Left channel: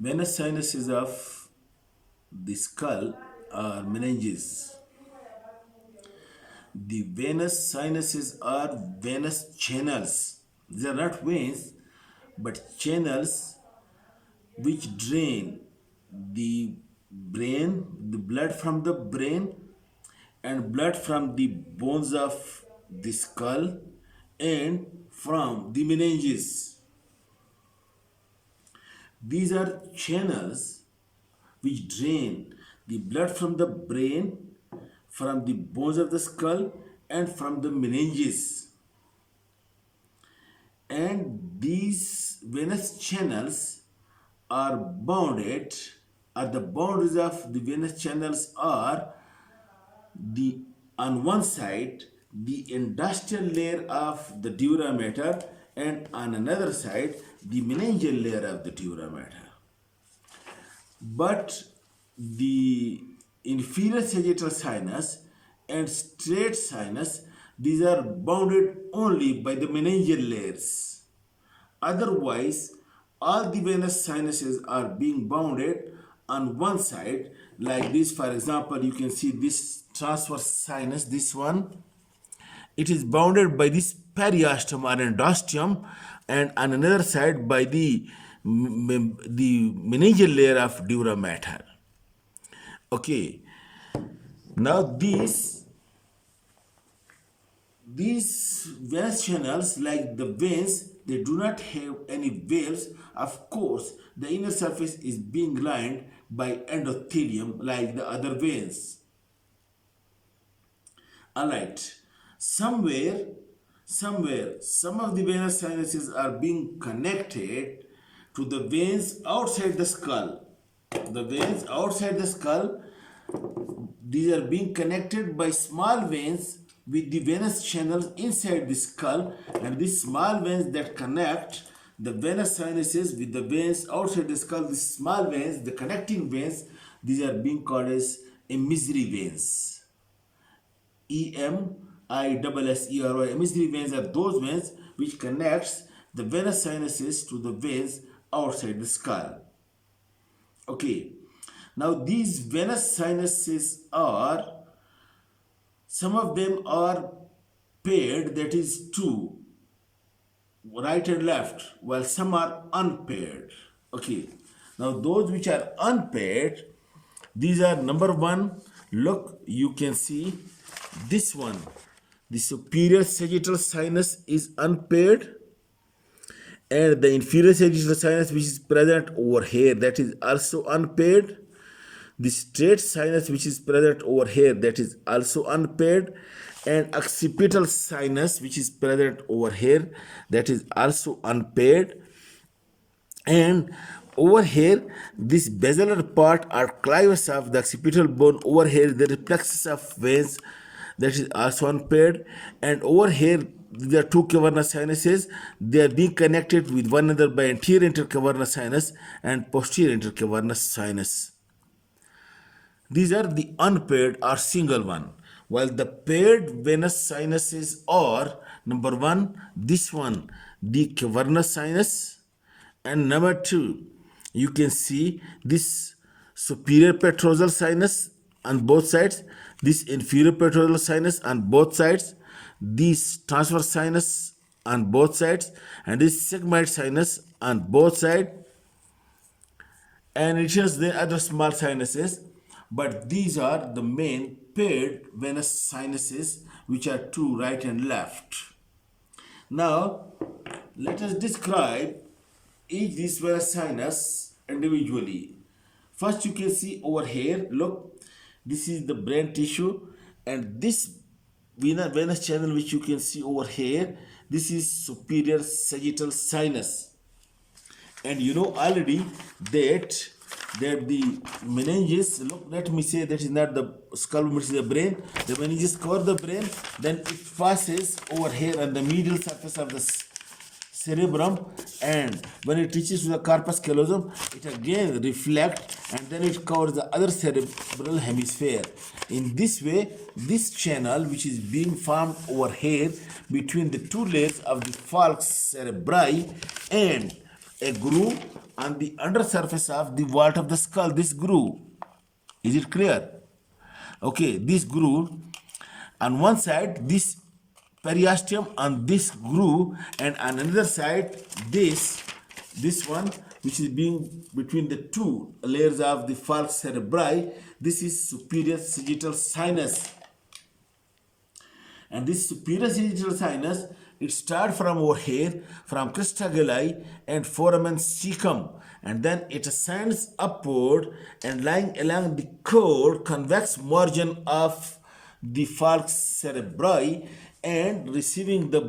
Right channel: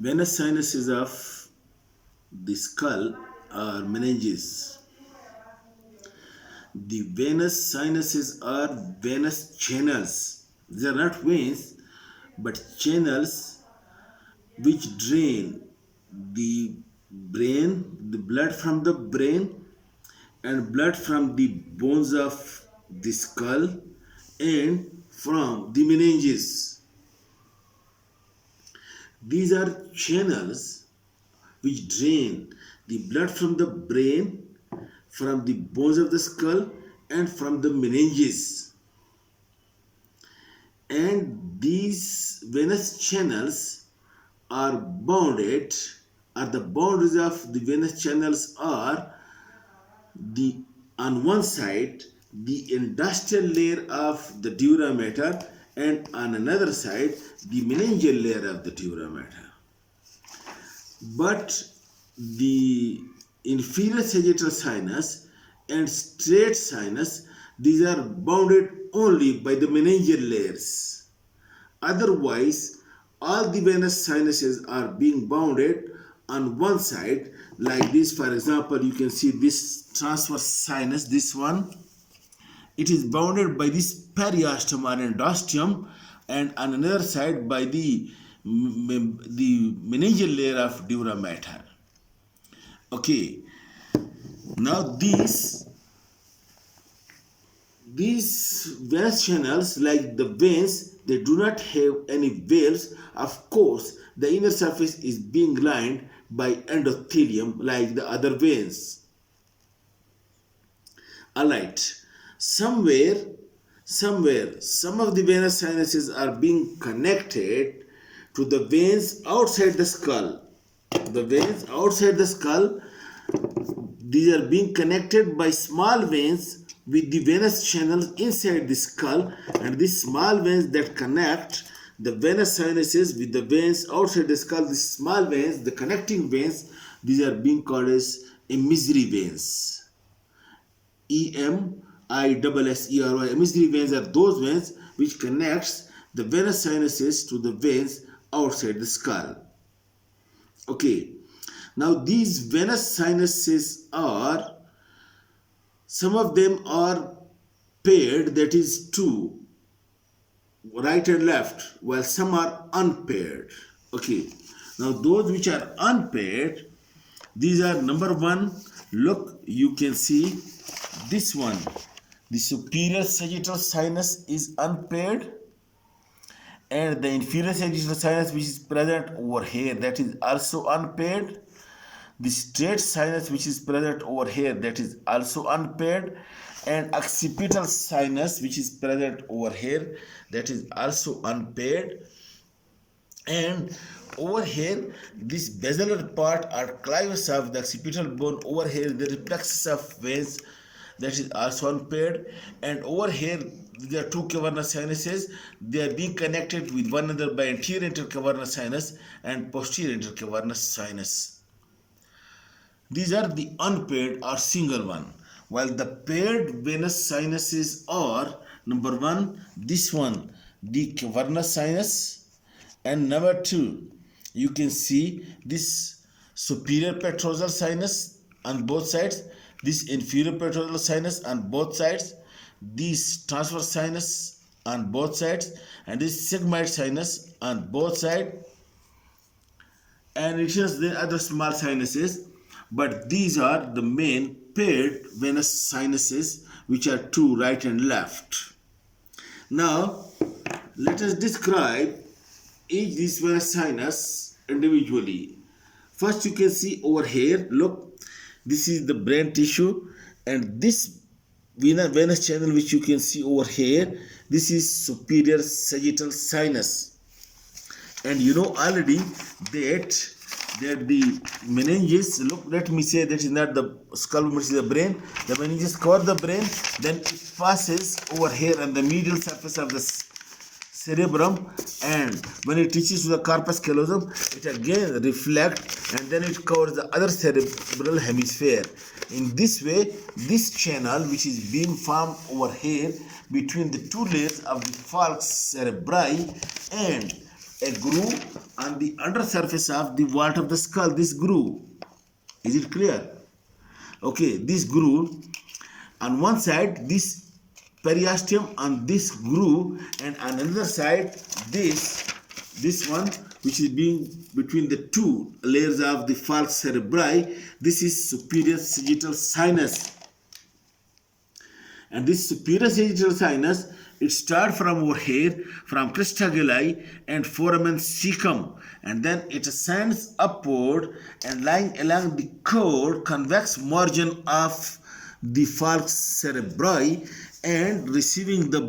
Venous sinuses of the skull are meninges. The venous sinuses are venous channels. They are not veins, but channels which drain the the blood from the brain and blood from the bones of the skull and from the meninges. These are channels which drain the blood from the brain, from the bones of the skull, and from the meninges. And these venous channels are bounded, or the boundaries of the venous channels are the on one side the industrial layer of the dura mater, and on another side the meningeal layer of the dura mater. But the inferior sagittal sinus and straight sinus, these are bounded only by the meningeal layers. Otherwise, all the venous sinuses are being bounded on one side, like this. For example, you can see this transverse sinus, this one, it is bounded by this periosteum or endosteum, and on another side by the meningeal layer of dura mater. Okay, now these venous channels, like the veins, they do not have any valves. Of course, the inner surface is being lined by endothelium like the other veins. Alright, somewhere, some of the venous sinuses are being connected to the veins outside the skull. The veins outside the skull, these are being connected by small veins with the venous channels inside the skull, and these small veins that connect the venous sinuses with the veins outside the skull, these small veins, the connecting veins, these are being called as emissary veins. E-M-I-S-S-E-R-Y. Emissary veins are those veins which connects the venous sinuses to the veins outside the skull. Okay, now these venous sinuses are, some of them are paired, that is two, right and left, while some are unpaired. Okay, now those which are unpaired, these are number one. Look, you can see this one, the superior sagittal sinus is unpaired, and the inferior sagittal sinus which is present over here, that is also unpaired. The straight sinus which is present over here, that is also unpaired, and occipital sinus which is present over here, that is also unpaired. And over here, this basilar part or clivus of the occipital bone, over here there is plexus of veins, that is also unpaired. And over here there are two cavernous sinuses, they are being connected with one another by anterior intercavernous sinus and posterior intercavernous sinus. These are the unpaired or single one, while the paired venous sinuses are, number one, this one, the cavernous sinus, and number two, you can see this superior petrosal sinus on both sides, this inferior petrosal sinus on both sides, this transverse sinus on both sides, and this sigmoid sinus on both sides, and it has the other small sinuses. But these are the main paired venous sinuses, which are two, right and left. Now, let us describe each this venous sinus individually. First, you can see over here, look, this is the brain tissue, and this venous channel which you can see over here, this is superior sagittal sinus. And you know already that the meninges, look, let me say that is not the skull, which is the brain. The meninges cover the brain, then it passes over here on the medial surface of the cerebrum, and when it reaches to the corpus callosum, it again reflects, and then it covers the other cerebral hemisphere. In this way, this channel which is being formed over here between the two layers of the falx cerebri and a groove on the undersurface of the vault of the skull. This groove, is it clear? Okay, this groove on one side, this periosteum on this groove, and on another side this one, which is being between the two layers of the falx cerebri. This is superior sagittal sinus. And this superior sagittal sinus, it starts from over here, from crista galli and foramen cecum, and then it ascends upward and lying along the curved convex margin of the falx cerebri, and receiving the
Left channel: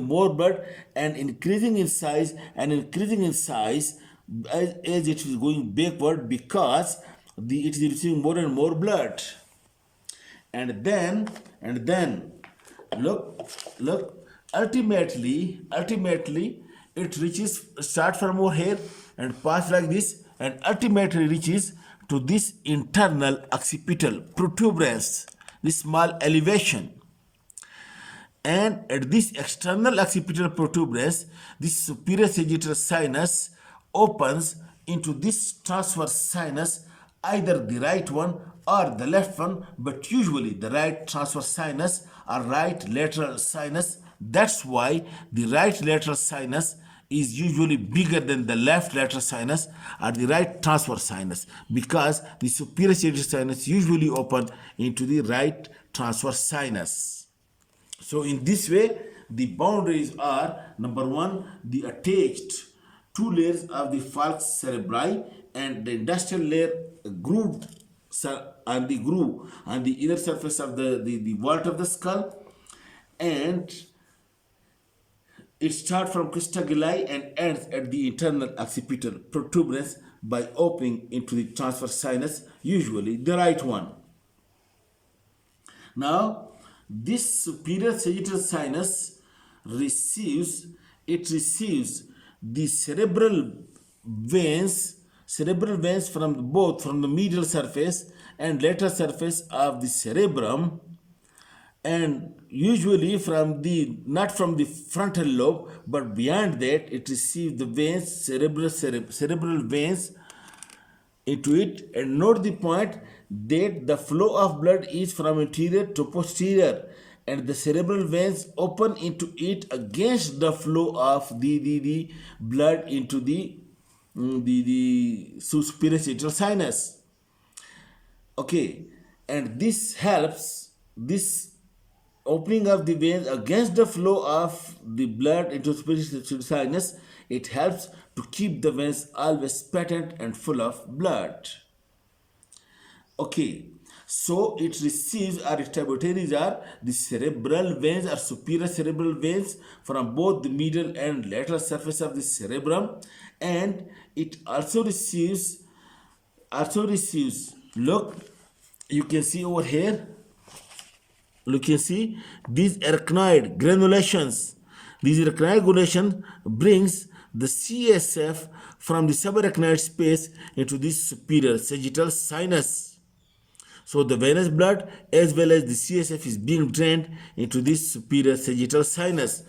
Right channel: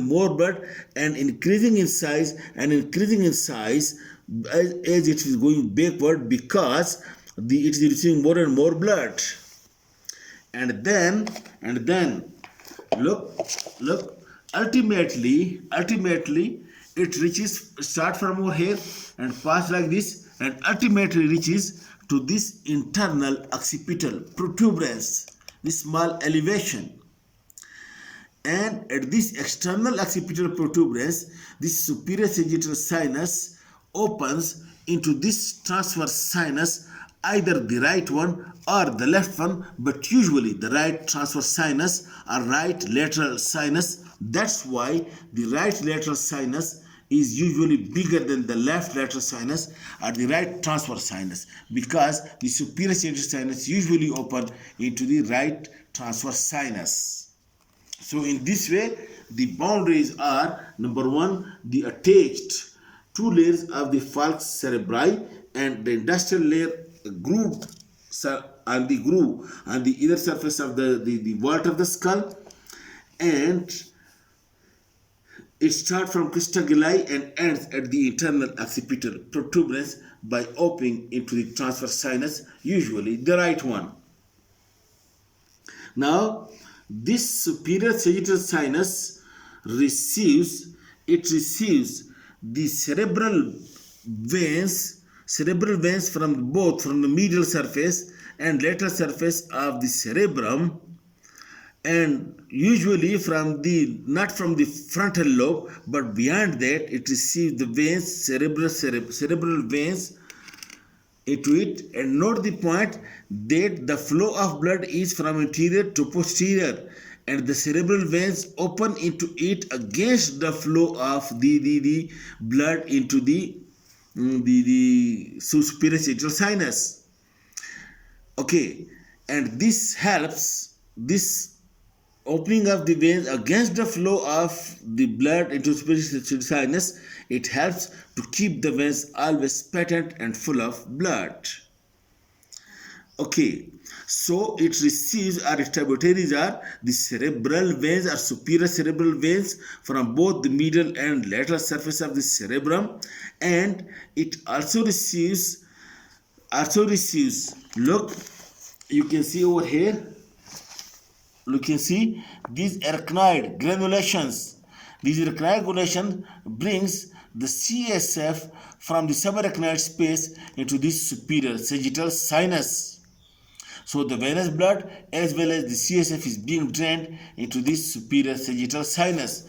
more blood, and increasing in size as it is going backward, because it is receiving more and more blood. And then look, ultimately it reaches, start from over here and pass like this, and ultimately reaches to this internal occipital protuberance, this small elevation. And at this external occipital protuberance, this superior sagittal sinus opens into this transverse sinus, either the right one or the left one, but usually the right transverse sinus or right lateral sinus. That's why the right lateral sinus is usually bigger than the left lateral sinus or the right transverse sinus, because the superior sagittal sinus usually open into the right transverse sinus. So in this way, the boundaries are: number one, the attached two layers of the falx cerebri, and the industrial layer groove on the inner surface of the vault of the skull, and it starts from crista galli and ends at the internal occipital protuberance by opening into the transverse sinus, usually the right one. Now, this superior sagittal sinus receives the cerebral veins from the medial surface and lateral surface of the cerebrum, and usually not from the frontal lobe, but beyond that it receives the veins, cerebral veins into it. And note the point that the flow of blood is from anterior to posterior, and the cerebral veins open into it against the flow of the blood into the superior sagittal sinus. Okay, and this helps, this opening of the veins against the flow of the blood into superior sagittal sinus, it helps to keep the veins always patent and full of blood. Okay, so it receives, or its tributaries are the cerebral veins or superior cerebral veins from both the medial and lateral surface of the cerebrum, and it also receives, look, you can see over here, you can see these arachnoid granulations. These arachnoid granulation brings the CSF from the subarachnoid space into this superior sagittal sinus. So the venous blood as well as the CSF is being drained into this superior sagittal sinus.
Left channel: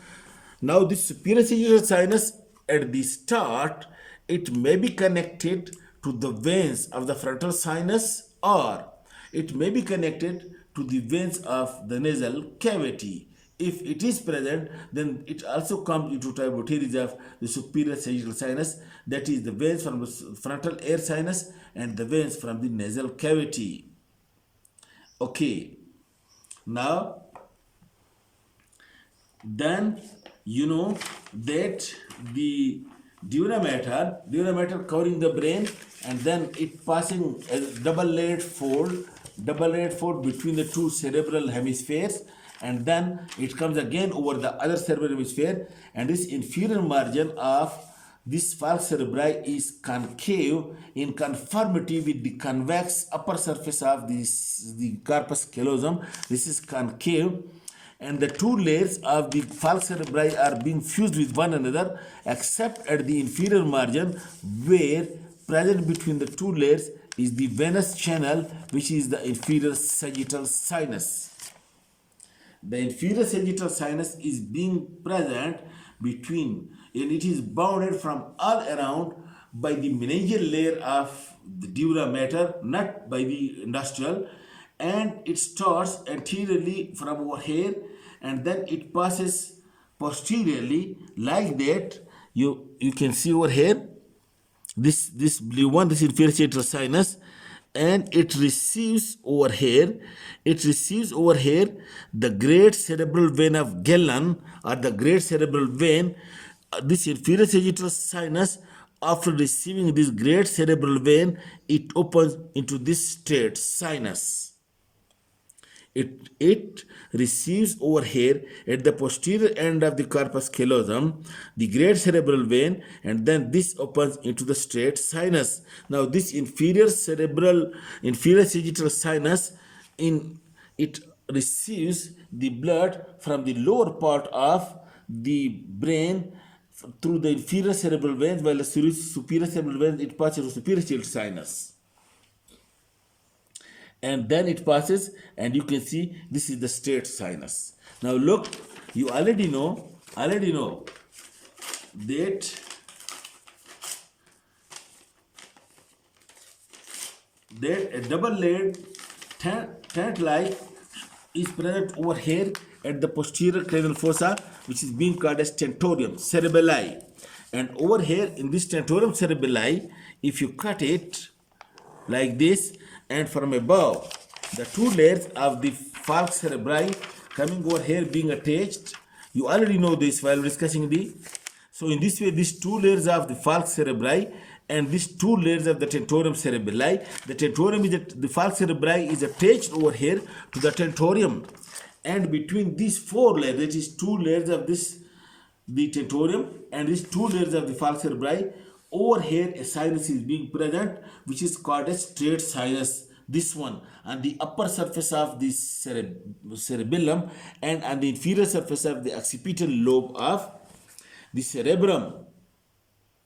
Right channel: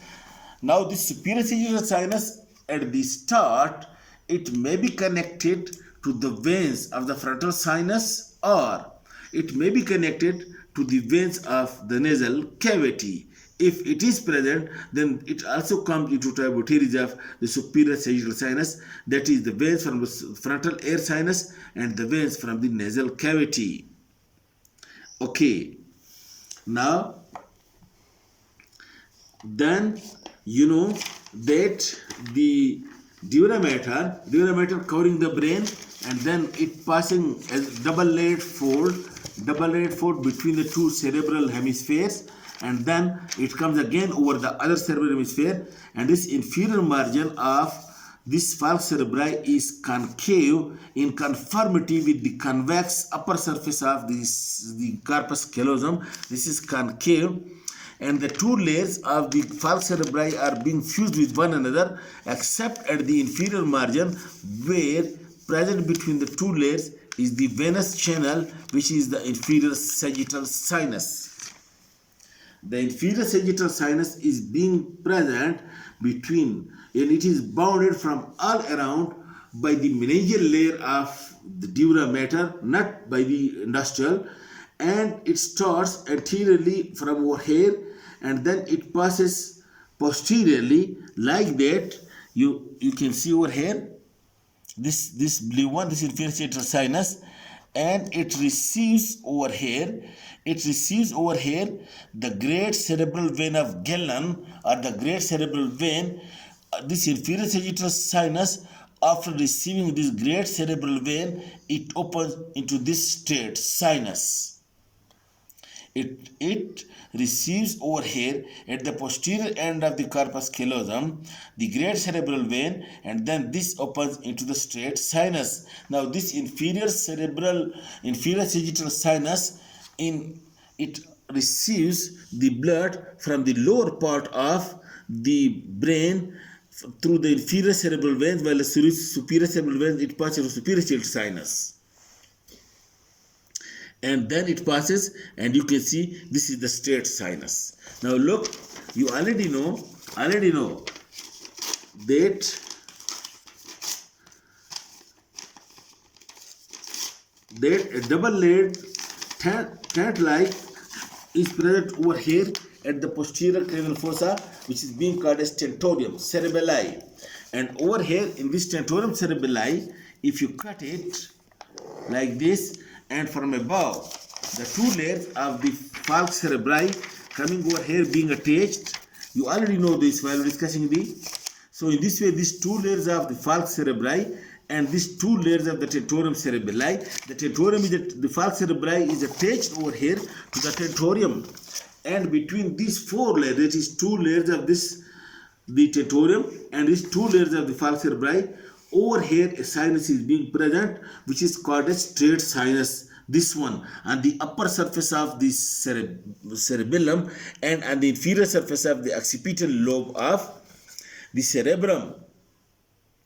Now this superior sagittal sinus, at the start, it may be connected to the veins of the frontal sinus, or it may be connected to the veins of the nasal cavity. If it is present, then it also comes into tributaries of the superior sagittal sinus, that is the veins from the frontal air sinus and the veins from the nasal cavity. Okay, now then you know that the dura mater covering the brain, and then it passing a double layered fold between the two cerebral hemispheres, and then it comes again over the other cerebral hemisphere, and this inferior margin of this falx cerebri is concave in conformity with the convex upper surface of the corpus callosum. This is concave, and the two layers of the falx cerebri are being fused with one another, except at the inferior margin, where present between the two layers is the venous channel, which is the inferior sagittal sinus. The inferior sagittal sinus is being present between and it is bounded from all around by the meningeal layer of the dura mater, not by the industrial, and it starts anteriorly from over here and then it passes posteriorly like that. You can see over here this blue one, this inferior sagittal sinus, and it receives over here the great cerebral vein of Galen, or the great cerebral vein. This inferior sagittal sinus, after receiving this great cerebral vein, it opens into this straight sinus. It receives over here at the posterior end of the corpus callosum the great cerebral vein, and then this opens into the straight sinus. Now this inferior sagittal sinus, it receives the blood from the lower part of the brain through the inferior cerebral veins, while the superior cerebral veins it passes to superior sagittal sinus. And then it passes, and you can see this is the straight sinus. Now look, you already know that a double-layered tent-like is present over here at the posterior cranial fossa, which is being called as tentorium cerebelli. And over here in this tentorium cerebelli, if you cut it like this, and from above the two layers of the falx cerebri coming over here being attached, you already know this while discussing so in this way these two layers of the falx cerebri and these two layers of the tentorium cerebelli, the tentorium is the falx cerebri is attached over here to the tentorium, and between these four layers, that is two layers of the tentorium and these two layers of the falx cerebri, over here a sinus is being present, which is called a straight sinus. This one on the upper surface of the cerebellum and on the inferior surface of the occipital lobe of the cerebrum.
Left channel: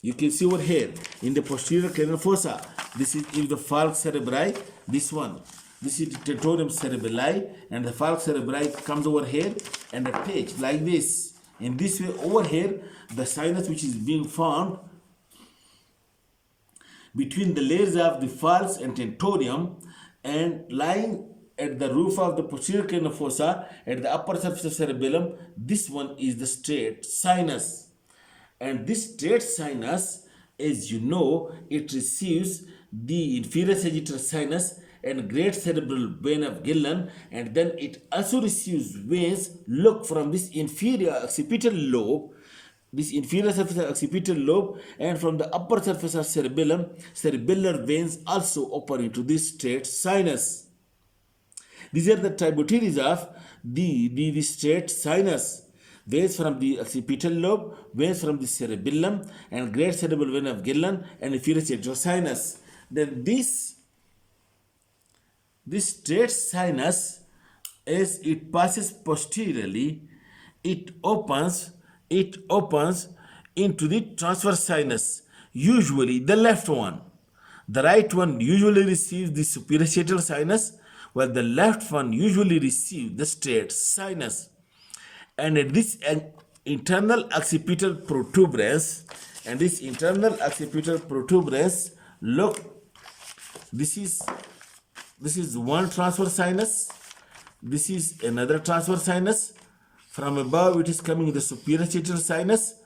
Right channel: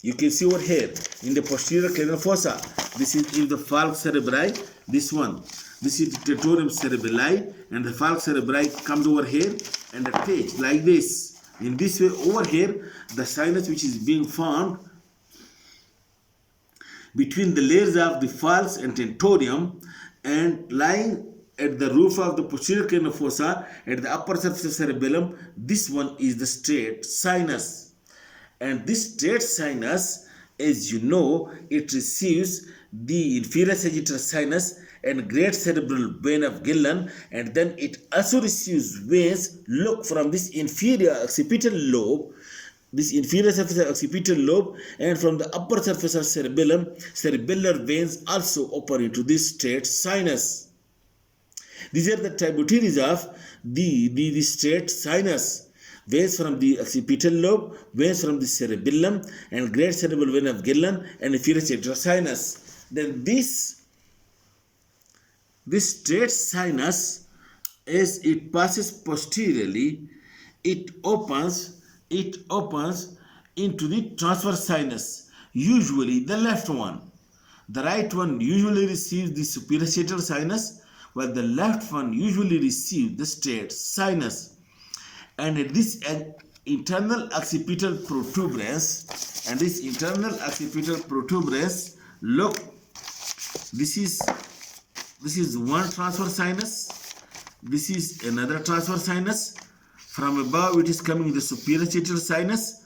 You can see over here in the posterior cranial fossa, this is the falx cerebri, this one. This is the tentorium cerebelli, and the falx cerebri comes over here and attached like this. In this way over here, the sinus which is being formed between the layers of the falx and tentorium and lying at the roof of the posterior cranial fossa at the upper surface of cerebellum, this one is the straight sinus. And this straight sinus, as you know, it receives the inferior sagittal sinus and great cerebral vein of Galen, and then it also receives veins, look, from this inferior occipital lobe, this inferior surface of occipital lobe, and from the upper surface of cerebellum, cerebellar veins also open into this straight sinus. These are the tributaries of the straight sinus. Veins from the occipital lobe, veins from the cerebellum, and great cerebral vein of Galen, and inferior sagittal sinus. Then this straight sinus, as it passes posteriorly, it opens into the transverse sinus, usually the left one. The right one usually receives the superior sagittal sinus, while the left one usually receives the straight sinus. And at this internal occipital protuberance, look, this is one transverse sinus, this is another transverse sinus. From above it is coming in the superior sagittal sinus,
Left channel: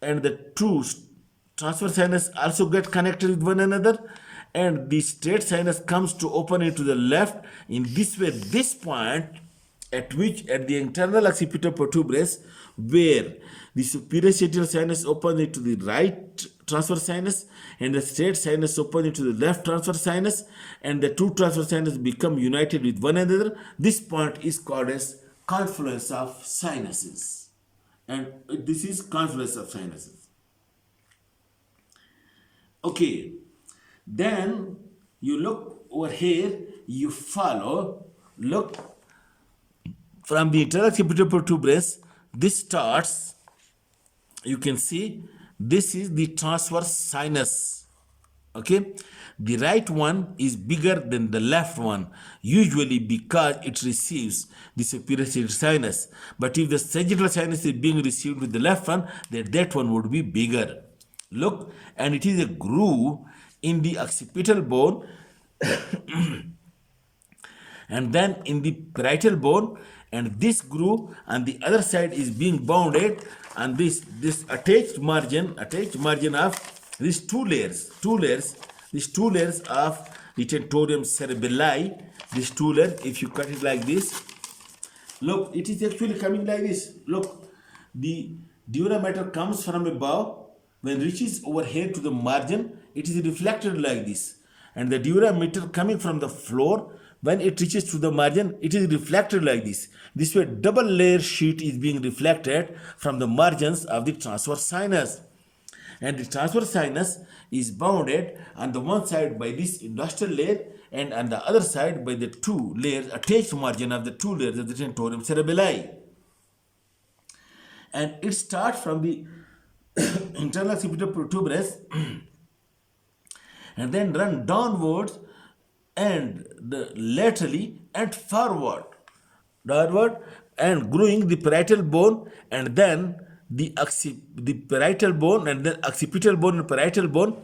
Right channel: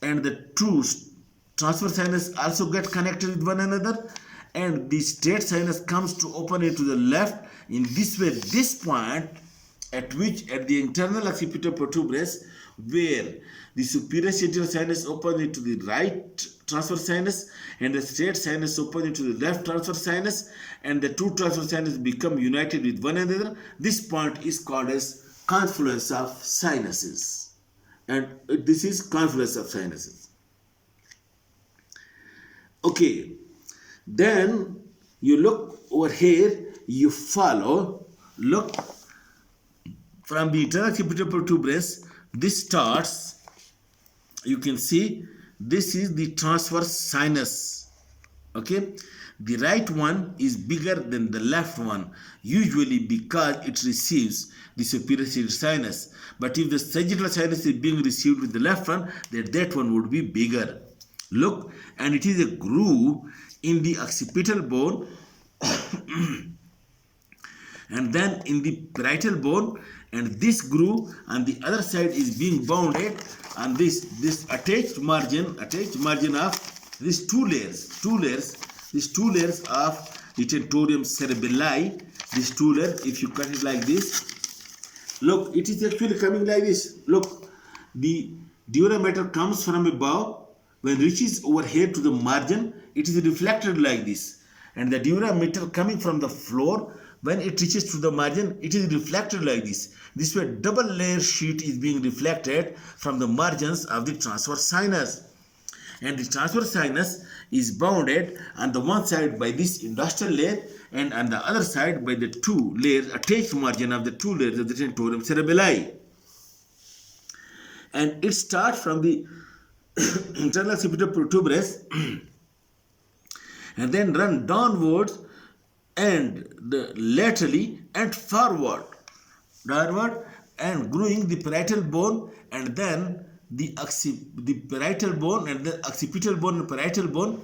and the two transverse sinus also get connected with one another, and the straight sinus comes to open into the left. In this way, this point at the internal occipital protuberance, where the superior sagittal sinus opens into the right transverse sinus and the straight sinus opens into the left transverse sinus, and the two transverse sinus become united with one another, this point is called as confluence of sinuses. And this is confluence of sinuses. Okay, then you look over here, you follow, look, from the internal occipital protuberance, this starts, you can see, this is the transverse sinus. Okay, the right one is bigger than the left one, usually because it receives the superior sagittal sinus. But if the sagittal sinus is being received with the left one, then that one would be bigger. Look, and it is a groove in the occipital bone and then in the parietal bone, and this groove on the other side is being bounded on this attached margin of these these two layers of the tentorium cerebelli. These two layers, if you cut it like this, look, it is actually coming like this. Look, the dura mater comes from above. When reaches over here to the margin, it is reflected like this. And the dura mater coming from the floor, when it reaches to the margin, it is reflected like this. This way, double layer sheet is being reflected from the margins of the transverse sinus. And the transverse sinus is bounded on the one side by this industrial layer and on the other side by the two layers, attached margin of the two layers of the tentorium cerebelli. And it starts from the internal occipital protuberance and then run downwards and laterally and forward and growing the parietal bone and then the parietal bone and the occipital bone and parietal bone,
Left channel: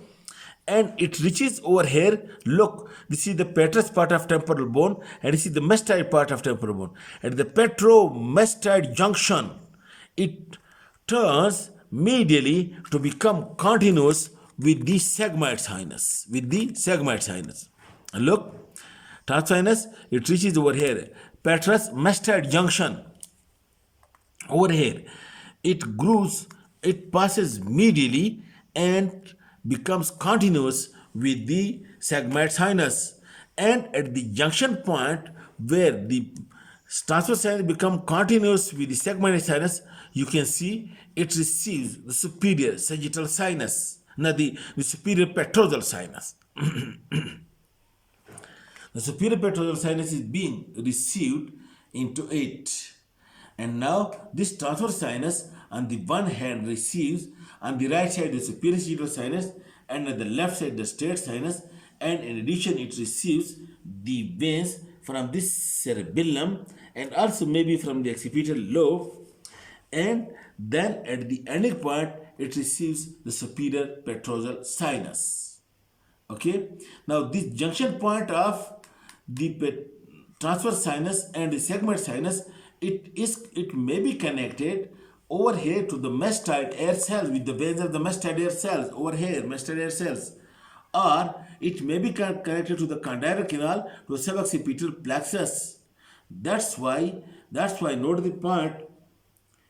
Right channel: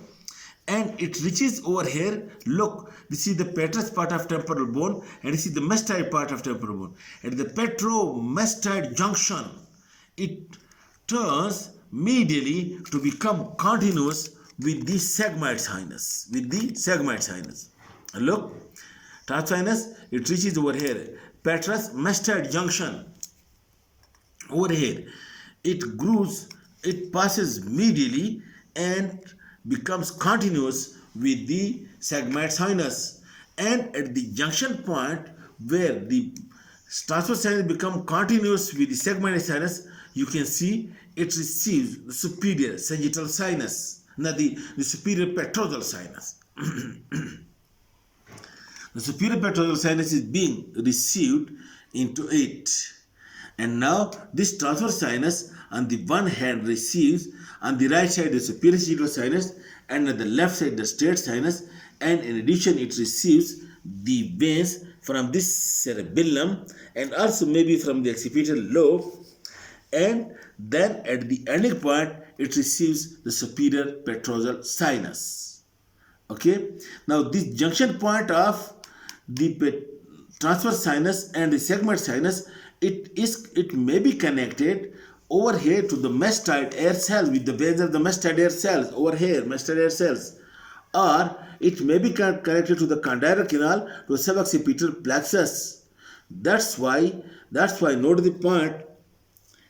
and it reaches over here. Look, this is the petrous part of temporal bone and this is the mastoid part of temporal bone. At the petromastoid junction, it turns medially to become continuous with the sigmoid sinus. And look, transverse sinus, it reaches over here, petrous mastoid junction. Over here, it grooves, it passes medially and becomes continuous with the sigmoid sinus. And at the junction point where the transverse sinus become continuous with the sigmoid sinus, you can see it receives the superior sagittal sinus, not the superior petrosal sinus. The superior petrosal sinus is being received into it. And now this transverse sinus on the one hand receives on the right side the superior sagittal sinus and on the left side the straight sinus, and in addition it receives the veins from this cerebellum and also maybe from the occipital lobe, and then at the ending point it receives the superior petrosal sinus. Okay, now this junction point of the transverse sinus and the sigmoid sinus, it may be connected over here to the mastoid air cells with the veins of the mastoid air cells over here, mastoid air cells, or it may be connected to the condyle canal to the suboccipital plexus. That's why note the point.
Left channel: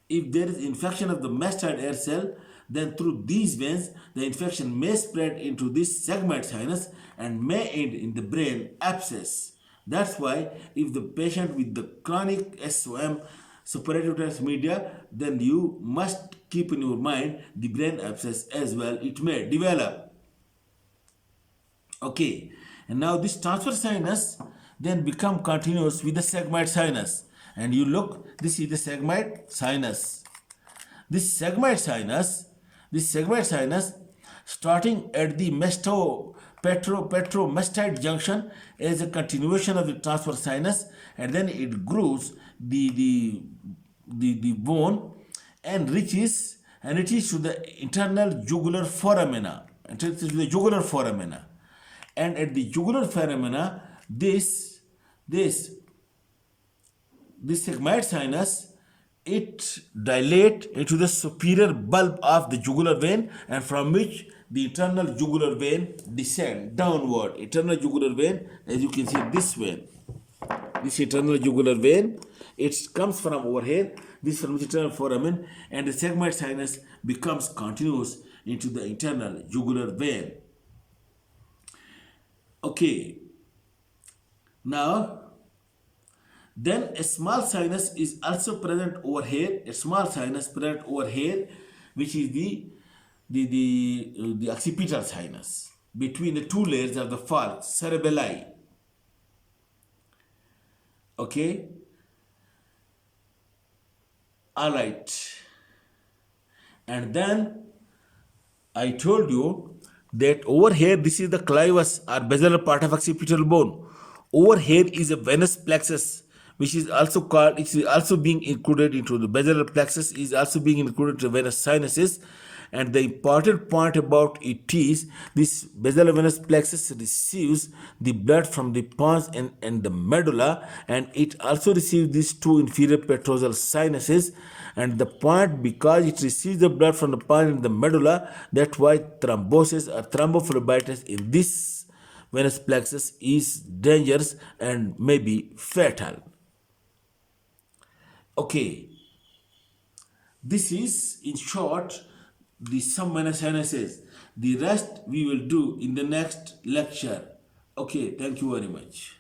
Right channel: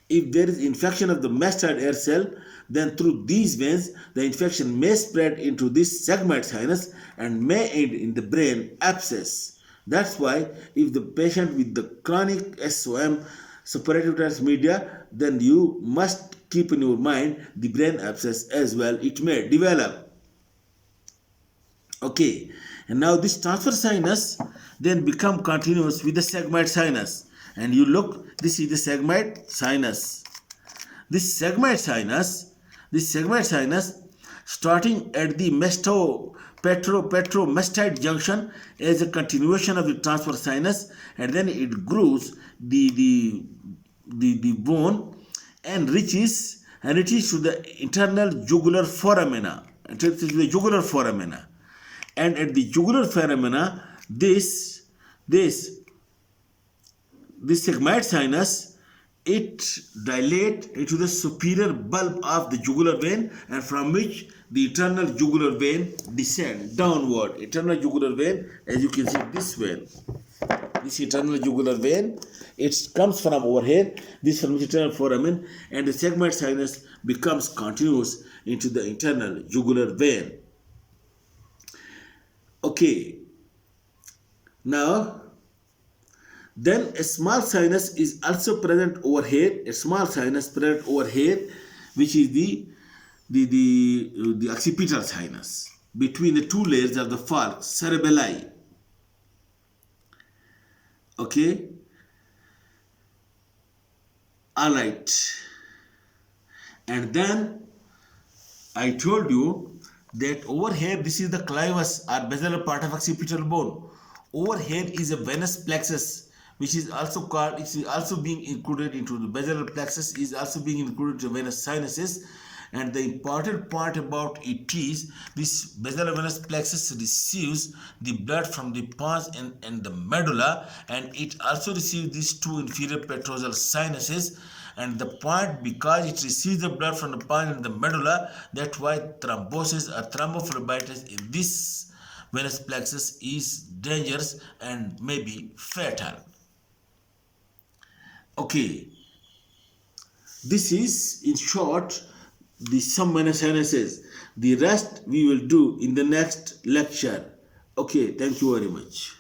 If there is infection of the mastoid air cell, then through these veins the infection may spread into this sigmoid sinus and may end in the brain abscess. That's why if the patient with the chronic SOM, suppurative tract media, then you must keep in your mind the brain abscess as well. It may develop. Okay, and now this transverse sinus then become continuous with the sigmoid sinus. And you look, this is the sigmoid sinus. This sigmoid sinus starting at the petromastoid junction as a continuation of the transverse sinus, and then it grooves the bone and reaches to the internal jugular foramina. And at the jugular foramina, this sigmoid sinus, it dilates into the superior bulb of the jugular vein, and from which the internal jugular vein descends downward. Internal jugular vein, as you can see, this vein, this internal jugular vein, it comes from over here, this from the internal foramen, and the sigmoid sinus becomes continuous into the internal jugular vein. Okay, now then a small sinus is also present over here, which is the occipital sinus between the two layers of the falx cerebelli. Okay, all right, and then I told you that over here, this is the clivus or basilar part of occipital bone. Over here is a venous plexus, which is also called, it is also being included into the basilar plexus, is also being included to venous sinuses. And the important part about it is this basilar venous plexus receives the blood from the pons and the medulla, and it also receives these two inferior petrosal sinuses. And the point, because it receives the blood from the pons and the medulla, that's why thrombosis or thrombophlebitis in this venous plexus is dangerous and may be fatal. Okay, this is in short the some venous sinuses. The rest we will do in the next lecture. Okay, thank you very much.